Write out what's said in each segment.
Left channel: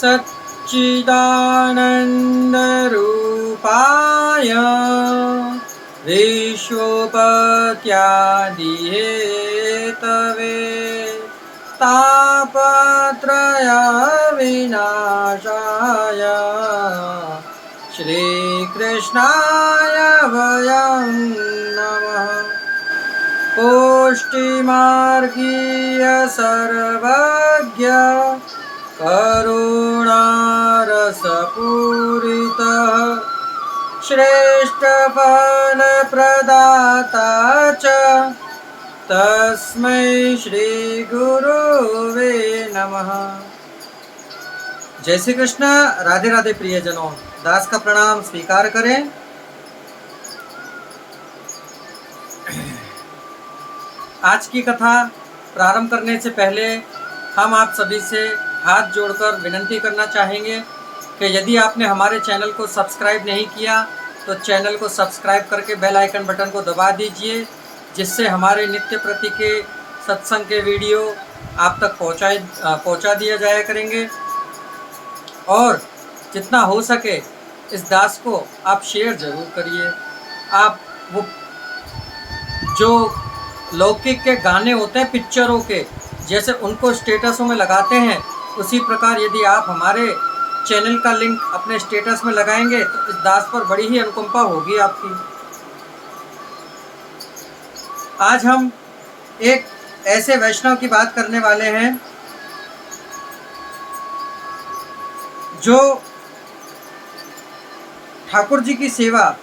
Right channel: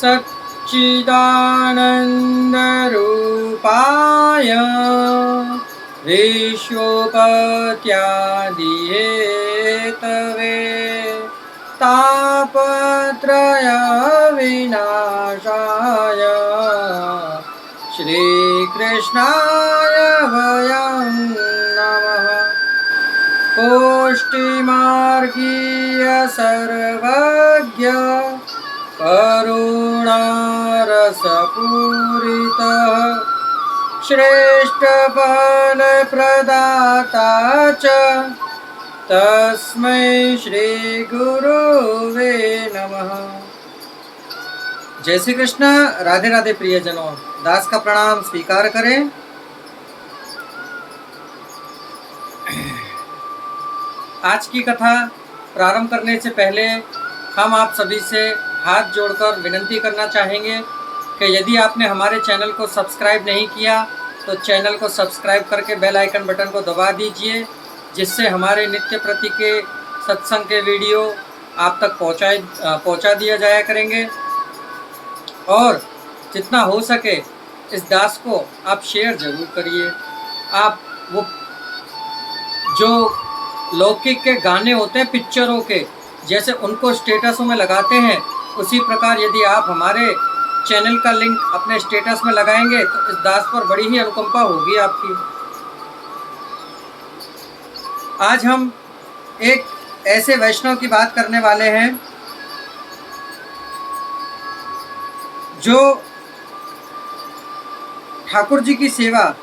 सच्चिदानन्दरूपाय विश्वोपत्यादिहेतवे तापत्रयविनाशाय श्रीकृष्णाय वयं नमः। कोष्ठिमार्गीय सर्वज्ञ करुणारसपूरितः श्रेष्ठफलप्रदाता च तस्मै श्री गुरुवे नमः। जय श्री कृष्ण। राधे राधे प्रियजनों, दास का प्रणाम स्वीकार करें। आज की कथा प्रारंभ करने से पहले हम आप सभी से हाथ जोड़कर विनती करना चाहेंगे कि यदि आपने हमारे चैनल को सब्सक्राइब नहीं किया तो चैनल को सब्सक्राइब करके बेल आइकन बटन को दबा दीजिए, जिससे हमारे नित्य प्रति के सत्संग के वीडियो आप तक पहुंचा दिया जाया करेंगे। और जितना हो सके इस दास को आप शेयर ज़रूर करिए। आप वो जो लौकिक के गाने होते हैं पिक्चरों के, जैसे उनको स्टेटसों में लगाते हैं, उसी प्रकार यदि आप हमारे चैनल का लिंक अपने स्टेटस में लगाएंगे तो इस दास पर बड़ी ही अनुकंपा होगी आपकी। आज हम एक ऐसे वैष्णव की बात करने वाले हैं जो ठाकुर जी की सेवा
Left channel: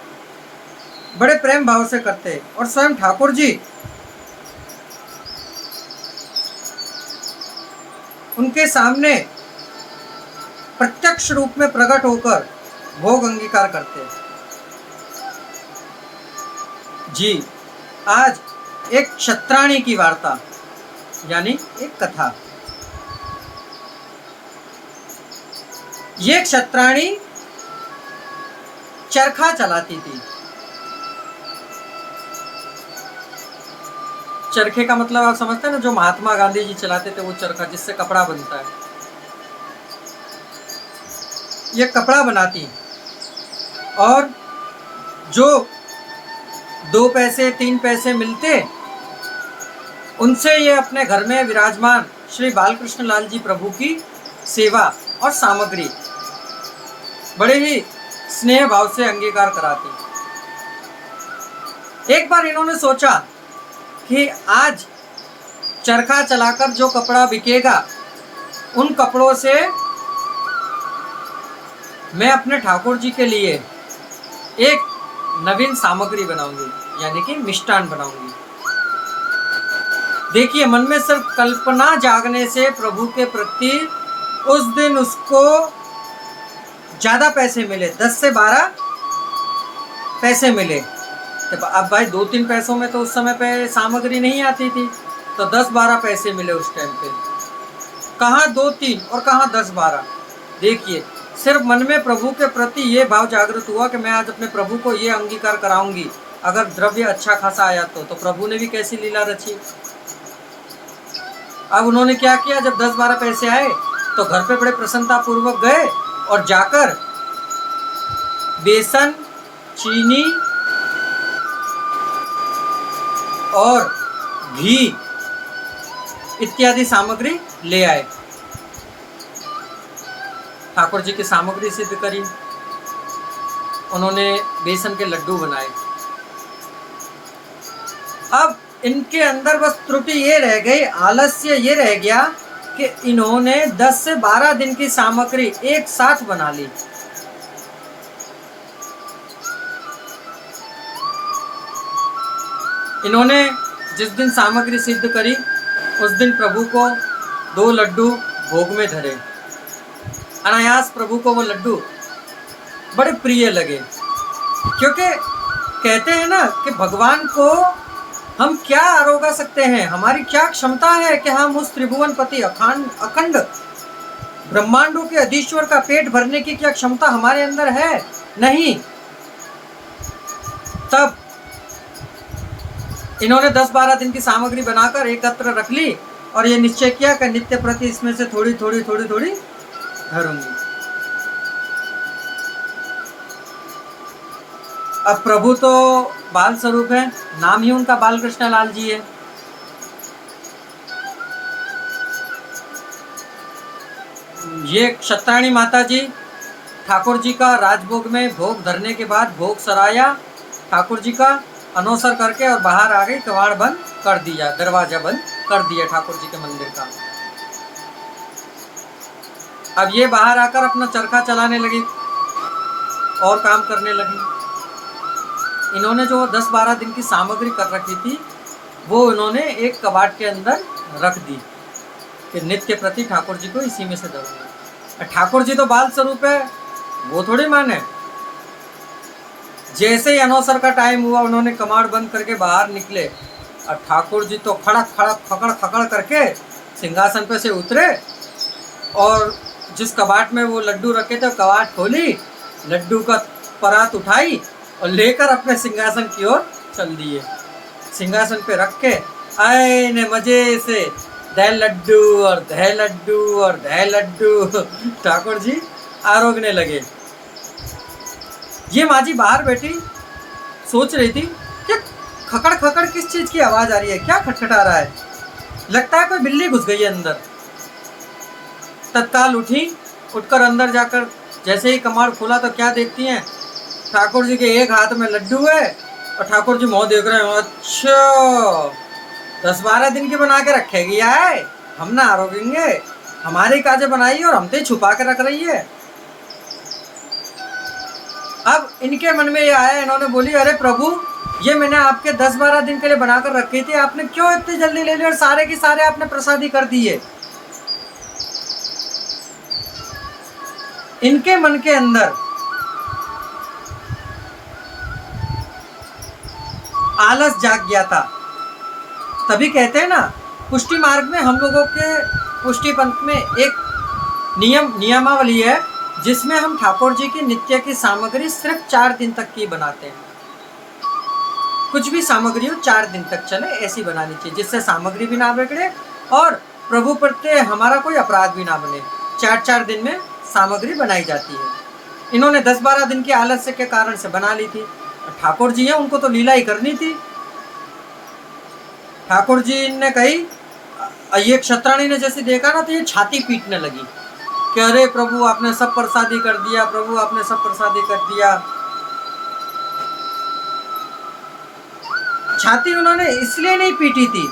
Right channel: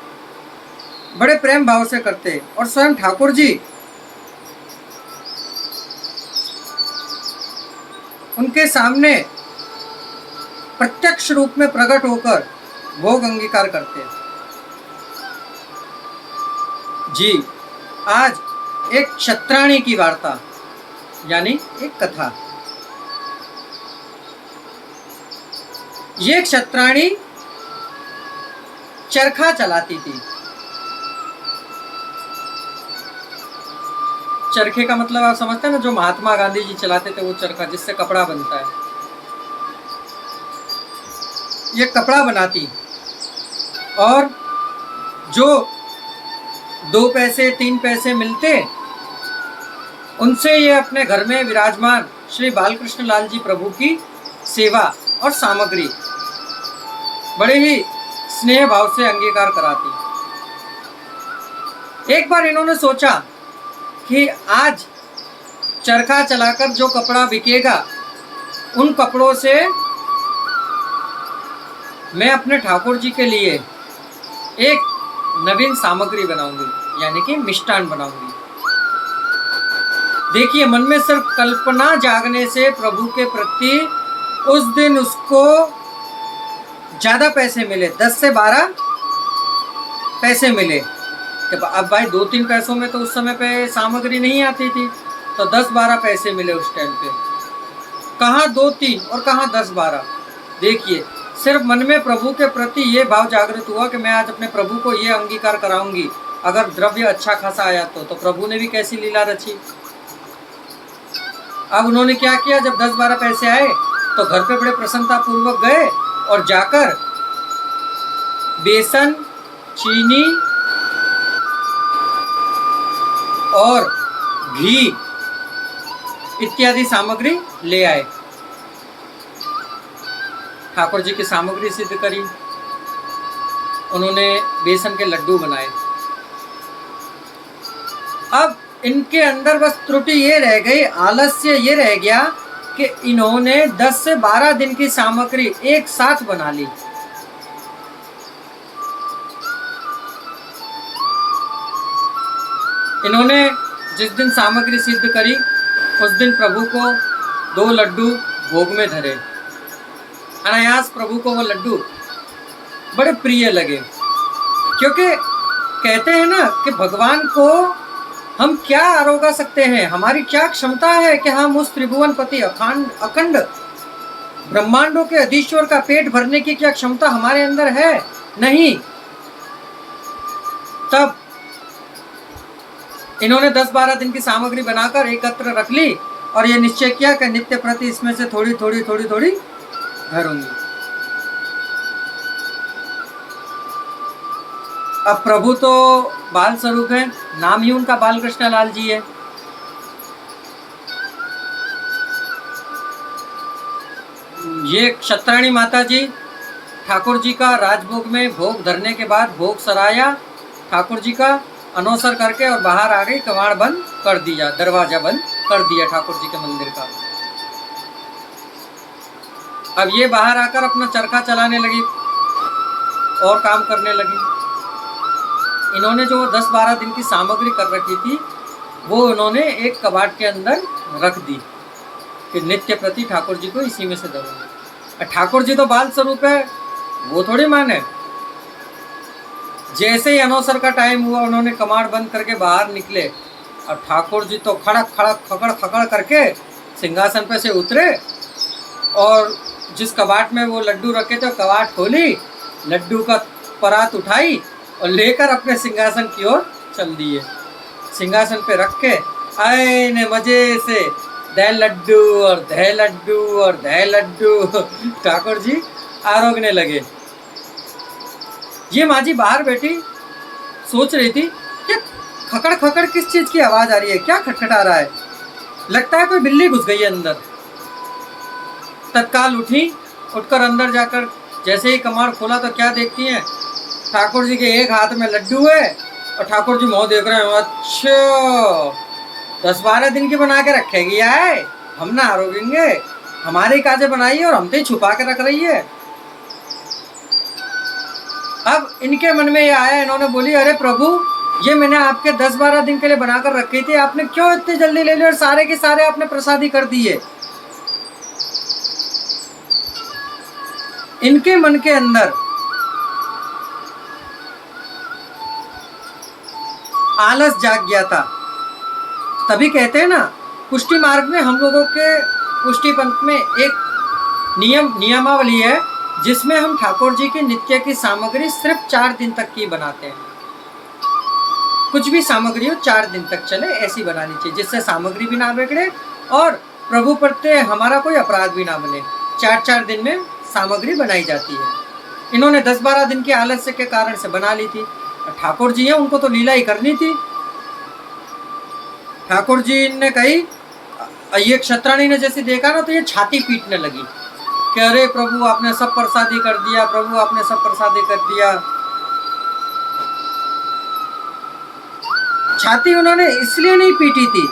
बड़े प्रेम भाव से करते, और स्वयं ठाकुर जी उनके सामने प्रत्यक्ष रूप में प्रकट होकर भोग अंगीकार करते जी। आज एक क्षत्राणी की वार्ता यानी एक कथा। ये क्षत्राणी चरखा चलाती थी। चरखे का मतलब आप समझते हैं ना, जो महात्मा गांधी जी चलाते थे वो चरखा, जिससे कपड़ा बनता है। ये कपड़ा बनाती, और जो 2 पैसे 3 पैसे मिलते उनसे ये अपने घर में विराजमान श्री बालकृष्ण लाल जी प्रभु की सेवा और सामग्री बड़े ही स्नेह भाव से अंगीकार कराती। एक बार इन्होंने सोचा कि आज चरखा चलाकर जो कपड़ा बिकेगा उन कपड़ों से मैं अपने ठाकुर जी के लिए एक नवीन सामग्री बनाऊंगी, यानी कि मिष्टान बनाऊंगी। देखिए, मन में सिर्फ कल्पना जागने से प्रभु के प्रति उस दिन उसको ज़्यादा पैसे मिले, 10 से 12 पैसे मिले। अब भाई 2-3 पैसों में तो उस समय पे सामग्री नहीं आती थी, तो 10-12 पैसे मिले उस टाइम पे। कहाँ 2-3 और कहाँ 10-12। देखिए, सिर्फ मन में प्रभु के प्रति ये भाव जागृत हुआ कि मैं आज अपने प्रभु को ये अंगीकार कराऊंगी। अगर द्रव्य अच्छा खासा आया तो प्रभु ने भी कैसी लीला रची। अब उन्होंने क्या किया, जब 10-12 पैसे आए तो घर पे बड़े प्रसन्नता पूर्वक गए और जाकर बेसन, चीनी और घी इत्यादि सामग्री ले आए। ठाकुर जी की सामग्री सिद्ध करी। उन्होंने बेसन के लड्डू बनाए। अब इनके अंदर बस त्रुटि ये रह गई, आलस्य ये रह गया कि इन्होंने 10 से 12 दिन की सामग्री एक साथ बना ली। इन्होंने जिस दिन सामग्री सिद्ध करी उस दिन प्रभु को 2 लड्डू भोग में धरे। अनायास प्रभु को वो लड्डू बड़े प्रिय लगे, क्योंकि कहते हैं ना कि भगवान को हम क्या आरोगा सकते हैं, हमारी क्या क्षमता है कि हम उस त्रिभुवनपति अखंड ब्रह्मांडों के अधीश्वर का पेट भरने की क्या क्षमता हमारे अंदर है? नहीं। तब इन्होंने 10-12 दिन की सामग्री बनाकर एकत्र रख ली और ये निश्चय किया कि नित्य प्रति इसमें से थोड़ी थोड़ी धरूंगी। अब प्रभु तो बाल स्वरूप है, नाम ही उनका बाल कृष्ण लाल जी है। ये क्षत्राणी माता जी ठाकुर जी का राजभोग में भोग धरने के बाद भोग सराया, ठाकुर जी का अनौसर करके और बाहर आ गई, कवाड़ बंद कर दिया, दरवाजा बंद कर दिया ठाकुर जी के मंदिर का। अब ये बाहर आकर अपना चरखा चलाने लगी और काम करने लगी। इन्होंने जो 10-12 दिन की सामग्री कर रखी थी वो इन्होंने एक कबाड़ के अंदर रख दी कि नित्य प्रति ठाकुर जी को इसी में से धरूंगा। ठाकुर जी तो बाल स्वरूप है, वो थोड़ी माने। जैसे ही अनौसर का टाइम हुआ उन्होंने कमाड़ बंद करके बाहर निकले और ठाकुर जी तो खड़क खड़क खकड़ खकड़ करके सिंहासन पे से उतरे और जिस कबाट में वो लड्डू रखे थे कबाट खोली, लड्डू का परात उठाई और लेकर अपने सिंहासन की ओर चल दिए। सिंहासन पे रख के आए ने मजे से दह लड्डू और दह लड्डू और दह लड्डू ठाकुर जी आरोगने लगे। ये माँ जी बाहर बैठी सोच रही थी कि खकड़ खकड़ किस चीज़ की आवाज़ आ रही है, क्या खटखटा रहा है, लगता है कोई बिल्ली घुस गई है अंदर। तत्काल उठी, उठकर अंदर जाकर जैसे ही कमाड़ खोला तो क्या देखती हैं, ठाकुर जी के एक हाथ में लड्डू है और ठाकुर जी मुँह देख रहे हैं। अच्छा 10-12 दिन की बना के रखेगी है, हम ना आरोगेंगे, हमारी काजे बनाई और हम तो छुपा के रख रही है। अब इनके मन में ये आया, इन्होंने बोली अरे प्रभु ये मैंने आपके 10-12 दिन के लिए बनाकर रखी थी, आपने क्यों इतनी जल्दी ले ली और सारे के सारे आपने प्रसादी कर दिए। इनके मन के अंदर आलस जाग गया था। तभी कहते हैं ना पुष्टि मार्ग में हम लोगों के पुष्टि पंथ में एक नियमावली है जिसमें हम ठाकुर जी की नित्य की सामग्री सिर्फ 4 दिन तक की बनाते हैं। कुछ भी सामग्री हो 4 दिन तक चले ऐसी बनानी चाहिए जिससे सामग्री भी ना बिगड़े और प्रभु प्रत्यय हमारा कोई अपराध भी ना बने। 4-4 दिन में सामग्री बनाई जाती है। इन्होंने 10-12 दिन की आलस्य के कारण से बना ली थी। ठाकुर जी हैं उनको तो लीला ही करनी थी। ठाकुर जी ने कही, ये क्षत्राणी ने जैसे देखा ना तो ये छाती पीटने लगी कि अरे प्रभु आपने सब प्रसादी कर दिया, प्रभु आपने सब प्रसादी कर दिया। छाती उन्होंने इसलिए नहीं पीटी थी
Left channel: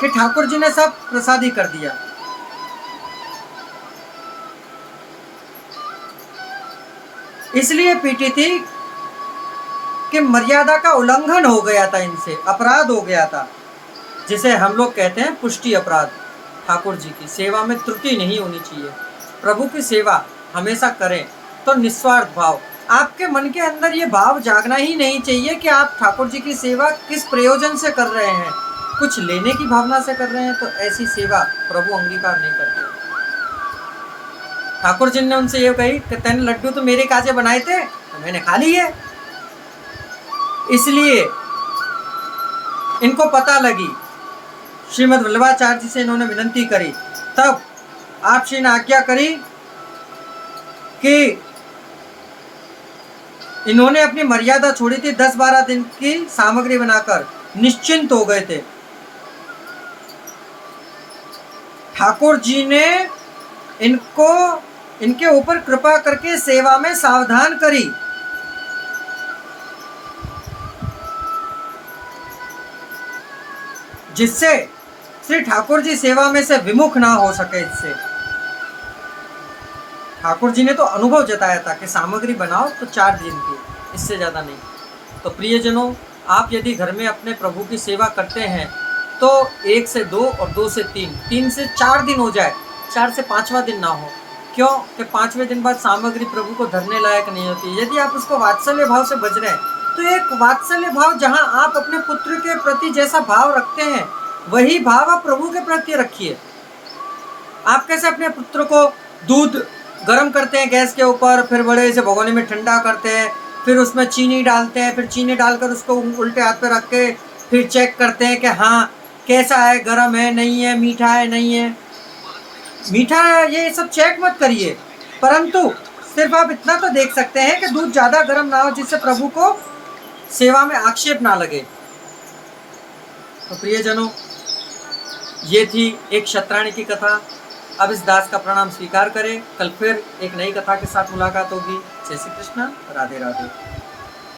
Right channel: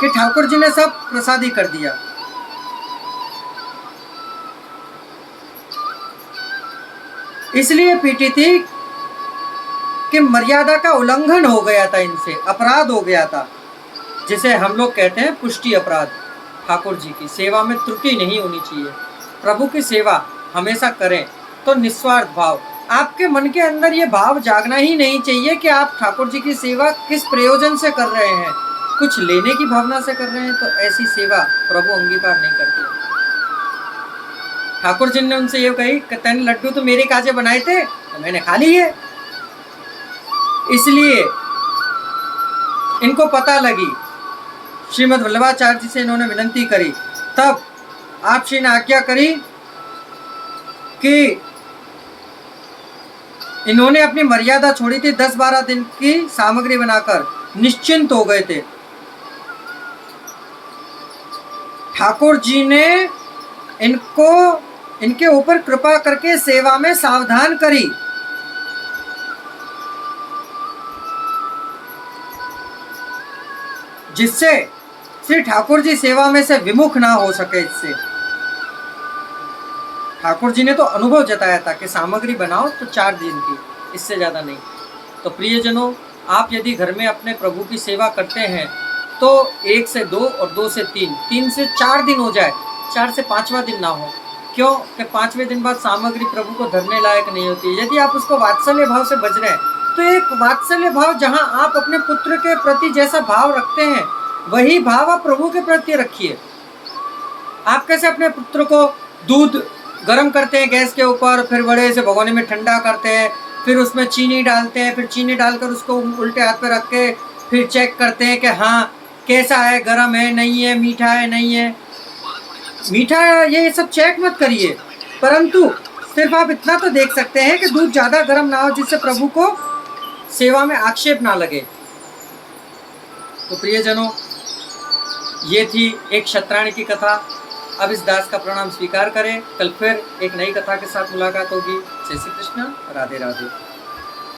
कि ठाकुर जी ने सब प्रसादी कर दिया, इसलिए पीटी थी कि मर्यादा का उल्लंघन हो गया था, इनसे अपराध हो गया था, जिसे हम लोग कहते हैं पुष्टि अपराध। ठाकुर जी की सेवा में त्रुटि नहीं होनी चाहिए। प्रभु की सेवा हमेशा करें तो निस्वार्थ भाव, आपके मन के अंदर ये भाव जागना ही नहीं चाहिए कि आप ठाकुर जी की सेवा किस प्रयोजन से कर रहे हैं। कुछ लेने की भावना से कर रहे हैं तो ऐसी सेवा प्रभु अंगीकार नहीं करते। ठाकुर जी ने उनसे ये कही कि तेने लड्डू तो मेरे काजे बनाए थे तो मैंने खा लिए। इसलिए इनको पता लगी, श्रीमद् वल्लभाचार्य जी से इन्होंने विनंती करी, तब आप श्री ने आज्ञा करी कि इन्होंने अपनी मर्यादा छोड़ी थी। 10-12 दिन की सामग्री बनाकर निश्चिंत हो गए थे। ठाकुर जी ने इनके ऊपर कृपा करके सेवा में सावधान करी। जिससे श्री ठाकुर जी सेवा में से विमुख ना हो सके। इससे ठाकुर जी ने तो अनुभव जताया था कि सामग्री बनाओ तो 4 दिन की, इससे ज़्यादा नहीं। तो प्रियजनों, आप यदि घर में अपने प्रभु की सेवा करते हैं तो 1 से 2 और 2 से 3, 3 से 4 दिन हो जाए, 4 से 5वां दिन ना हो। क्यों कि 5वें दिन बाद सामग्री प्रभु को धरने लायक नहीं होती। यदि आप उसको वात्सल्य भाव से बज रहे हैं तो एक वात्सल्य भाव, जहां आप अपने पुत्र के प्रति जैसा भाव रखते हैं वही भाव आप प्रभु के प्रति रखिए। आप कैसे अपने पुत्र को दूध गर्म करते हैं गैस के ऊपर, फिर बड़े से भगोने में ठंडा करते हैं, फिर उसमें चीनी डालते हैं, फिर चीनी डालकर उसको उल्टे हाथ पे रख के फिर चेक करते हैं कि हाँ कैसा है, गर्म है नहीं है, मीठा है नहीं है। मीठा ये सब चेक मत करिए, परंतु सिर्फ आप इतना तो देख सकते हैं कि दूध ज़्यादा गर्म ना हो, जिससे प्रभु को सेवा में आक्षेप ना लगे। तो प्रियजनों, ये थी एक क्षत्राणी की कथा। अब इस दास का प्रणाम स्वीकार करें। कल फिर एक नई कथा के साथ मुलाकात होगी। जय श्री कृष्ण, राधे राधे।